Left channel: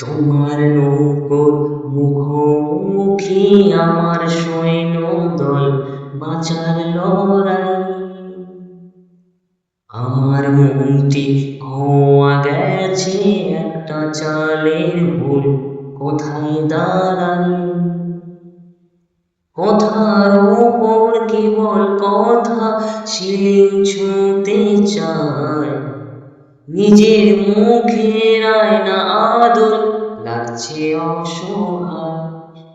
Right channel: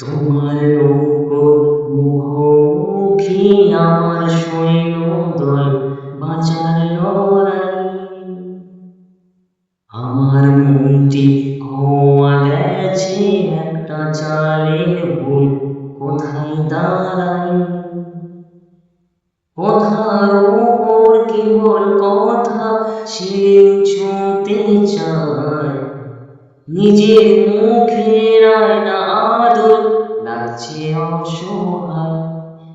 তোমার নৌকোর মুখোমুখি আমার সৈন্যদল, বাঁচার লড়াই। আমার মনটি খোয়া গেছে একটা চালের ভুল, কোথায় দাঁড়াই। কথার ওপর কেবল কথা, শিলিং ছুঁতে চায়। নিজের মুখের আয়না আদর লাগছে অসহায়।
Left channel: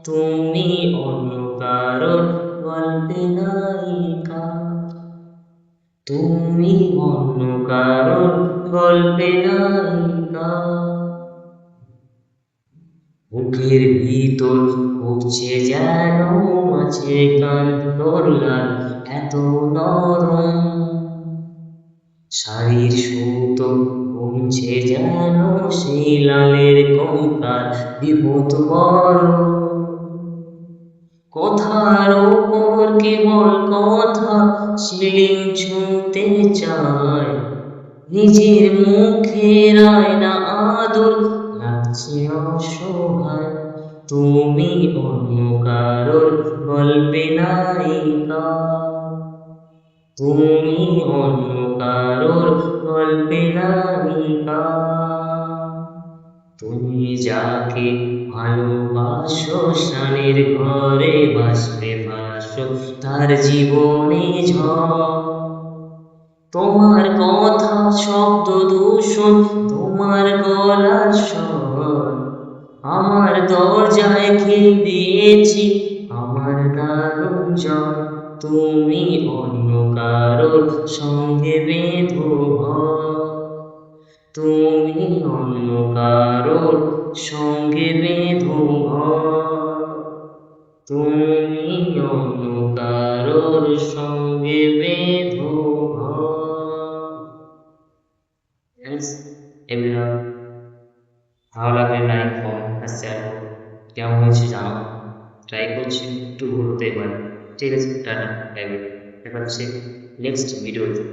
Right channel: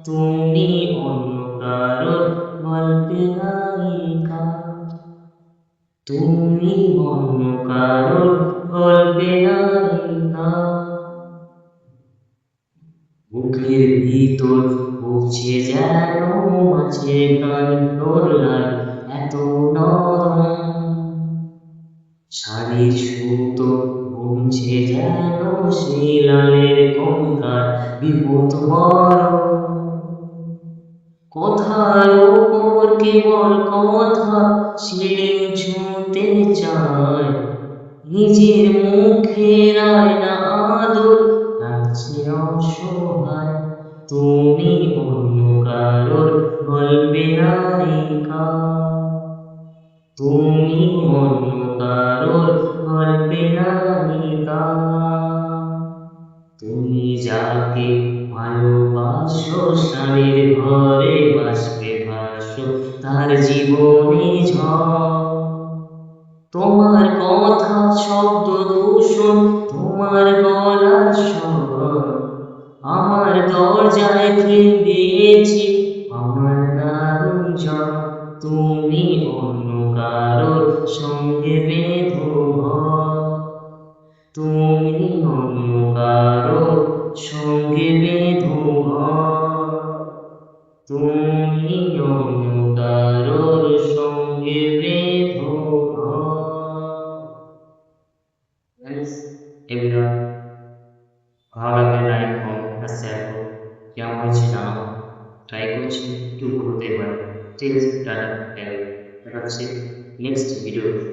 তুমি অন্য কারোর গল্পে নায়িকা, তুমি অন্য কারোর গল্পে নায়িকা। বুকের ভিতর উঠছে যেন মাছের কান্তর লাল, এত নরম। শাড়ির সুতো বুনছে যেন সেই লালের কঙ্কাল, বিপদ বড়। কথার ওপর কেবল কথা, শিলিং ছুঁতে চায়। নিজের মুখের আয়না আদর লাগছে অসহায়। তুমি অন্য কারোর গল্পে নায়িকা, তুমি অন্য কারোর গল্পে নায়িকা। তুমি যাকে ভালোবাসো স্নানের ঘরে বাষ্পে ভাসো তার জীবনে ঝড়। তোমার কথা শব্দ দূষণ, তোমার গলার স্বর। আমার দরজায় খিল দিয়েছি আমার দারুণ জ্বর। তুমি অন্য কারোর সঙ্গে বেঁধো ঘর, তুমি অন্য কারোর সঙ্গে বেঁধো ঘর। তুমি অন্য কারোর সঙ্গে বেঁধো ঘর। এভরিওয়ান, ভালো লাগলে লাইক কমেন্ট আর শেয়ার করো। কেমন হয়েছে জানাও, ট্রাই করছি একটু ভুল হতে পারে। ঠিক আছে, টাটা, বাই বাই, দেখা হচ্ছে নেক্সট ভিডিওতে।